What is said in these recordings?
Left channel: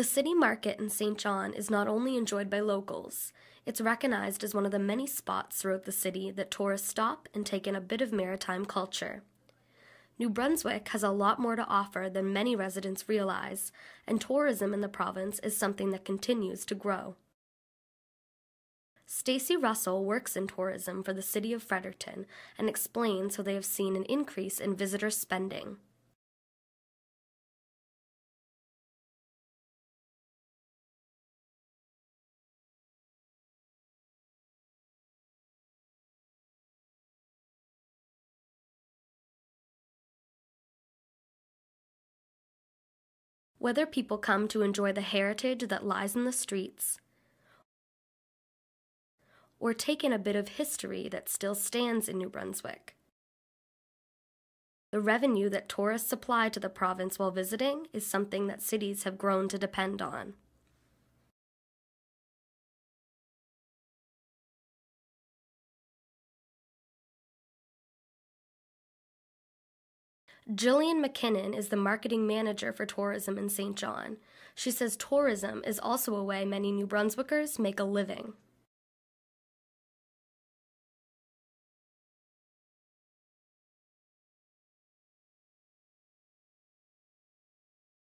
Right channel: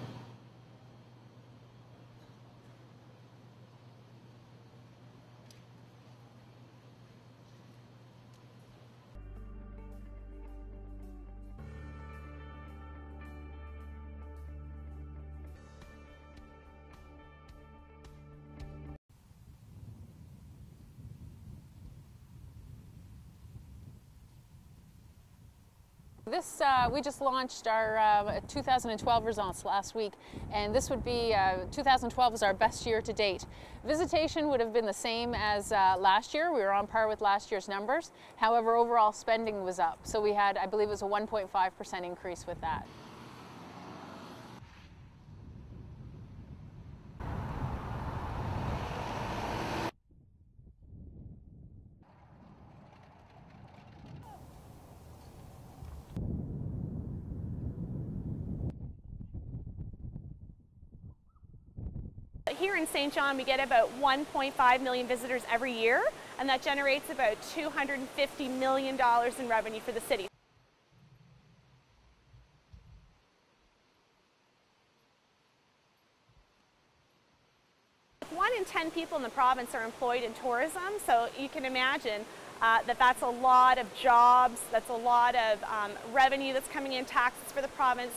The city market in St. John is not only enjoyed by locals, it's recognized as one of the many spots throughout the city that tourists stop and take in a bit of maritime culture. New Brunswick has a lot more to offer than many residents realize, and tourism in the province is something that continues to grow. Stacey Russell works in tourism for the city of Fredericton and explains how they have seen an increase in visitor spending. We just launched our 2012 results last week, and this would be 2012 was our best year to date. Visitation would have been the same as last year. We were on par with last year's numbers. However, overall spending was up. So we had, I believe it was a 1.5% increase with that. Whether people come to enjoy the heritage that lies in the streets, or take in a bit of history that still stands in New Brunswick, the revenue that tourists supply to the province while visiting is something that cities have grown to depend on. Here in St. John, we get about 1.5 million visitors every year, and that generates about $250 million in revenue for the city. Jillian McKinnon is the marketing manager for tourism in St. John. She says tourism is also a way many New Brunswickers make a living. 1 in 10 people in the province are employed in tourism, so you can imagine that's a lot of jobs, that's a lot of revenue that's coming in, taxes for the province.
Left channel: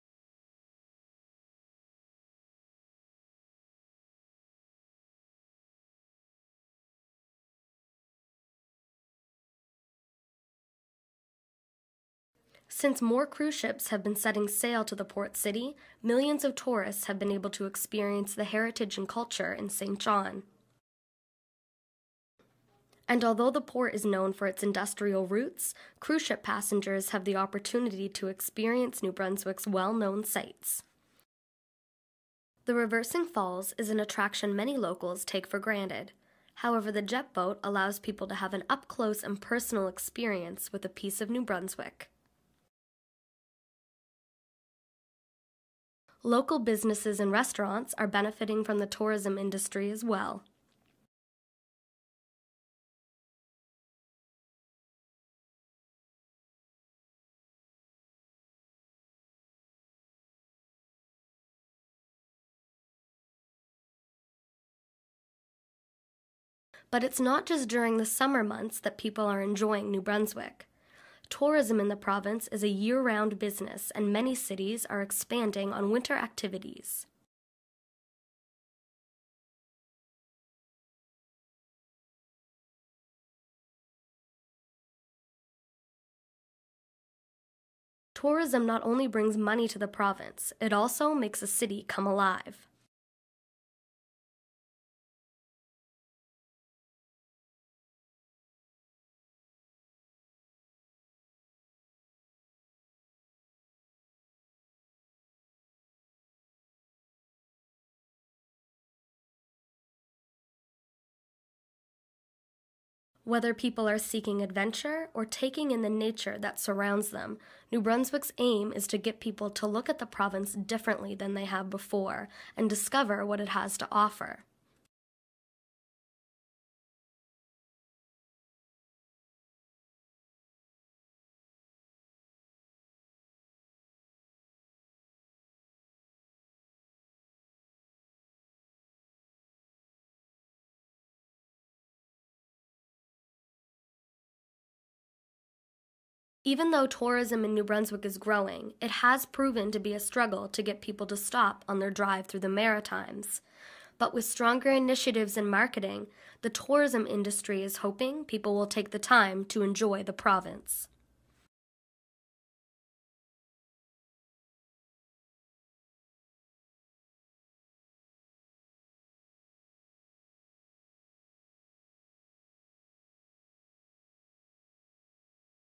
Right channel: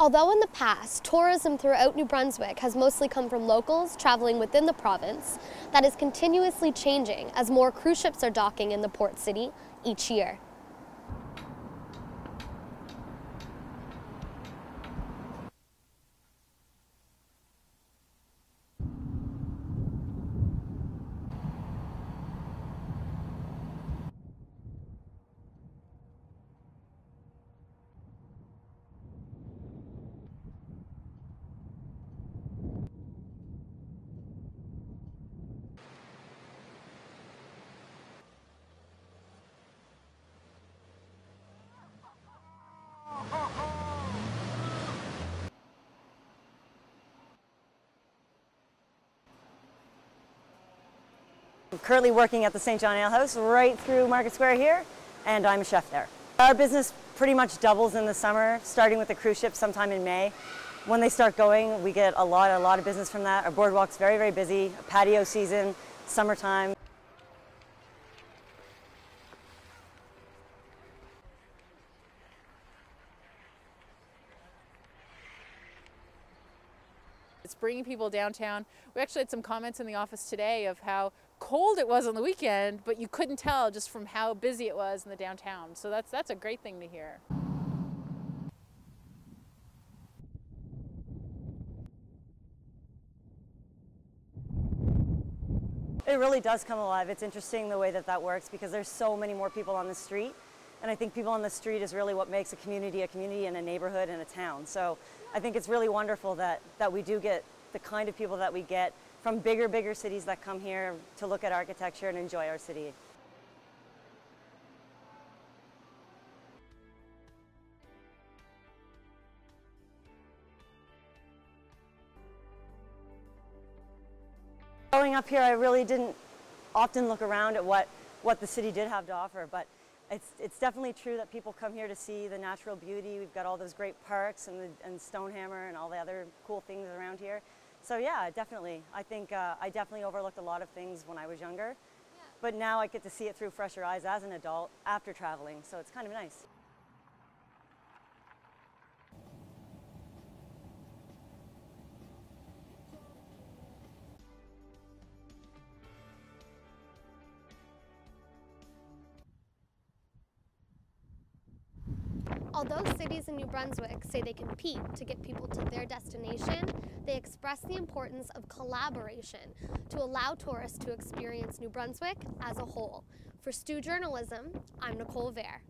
Although in the past, tourism throughout New Brunswick has mostly come from locals traveling within the province, that is continuously changing as more cruise ships are docking in the port city each year. Since more cruise ships have been setting sail to the port city, millions of tourists have been able to experience the heritage and culture in St. John. And although the port is known for its industrial roots, cruise ship passengers have the opportunity to experience New Brunswick's well-known sights. The Reversing Falls is an attraction many locals take for granted. However, the jet boat allows people to have an up-close and personal experience with a piece of New Brunswick. Local businesses and restaurants are benefiting from the tourism industry as well. I'm currently working at the St. John Ale House right through Market Square here, and I'm a chef there. Our business pretty much doubles in the summer, starting with the cruise ships sometime in May. When they start going, we get a lot of business from that. Our boardwalk's very, very busy, patio season, summertime. But it's not just during the summer months that people are enjoying New Brunswick. Tourism in the province is a year-round business, and many cities are expanding on winter activities. It's bringing people downtown. We actually had some comments in the office today of how cold it was on the weekend, but you couldn't tell just from how busy it was in the downtown. So that's a great thing to hear. Tourism not only brings money to the province, it also makes a city come alive. It really does come alive. It's interesting the way that works because there's so many more people on the street. And I think people on the street is really what makes a community and a neighborhood and a town. So I think it's really wonderful that we do get the kind of people that we get from bigger cities that come here to look at architecture and enjoy our city. Whether people are seeking adventure or taking in the nature that surrounds them, New Brunswick's aim is to get people to look at the province differently than they have before and discover what it has to offer. Growing up here, I really didn't often look around at what the city did have to offer, but it's definitely true that people come here to see the natural beauty. We've got all those great parks and Stonehammer and all the other cool things around here. So yeah, definitely. I think I definitely overlooked a lot of things when I was younger, but now I get to see it through fresher eyes as an adult after traveling, so it's kind of nice. Even though tourism in New Brunswick is growing, it has proven to be a struggle to get people to stop on their drive through the Maritimes. But with stronger initiatives in marketing, the tourism industry is hoping people will take the time to enjoy the province. Although cities in New Brunswick say they compete to get people to their destination, they express the importance of collaboration to allow tourists to experience New Brunswick as a whole. For Stu Journalism, I'm Nicole Vair.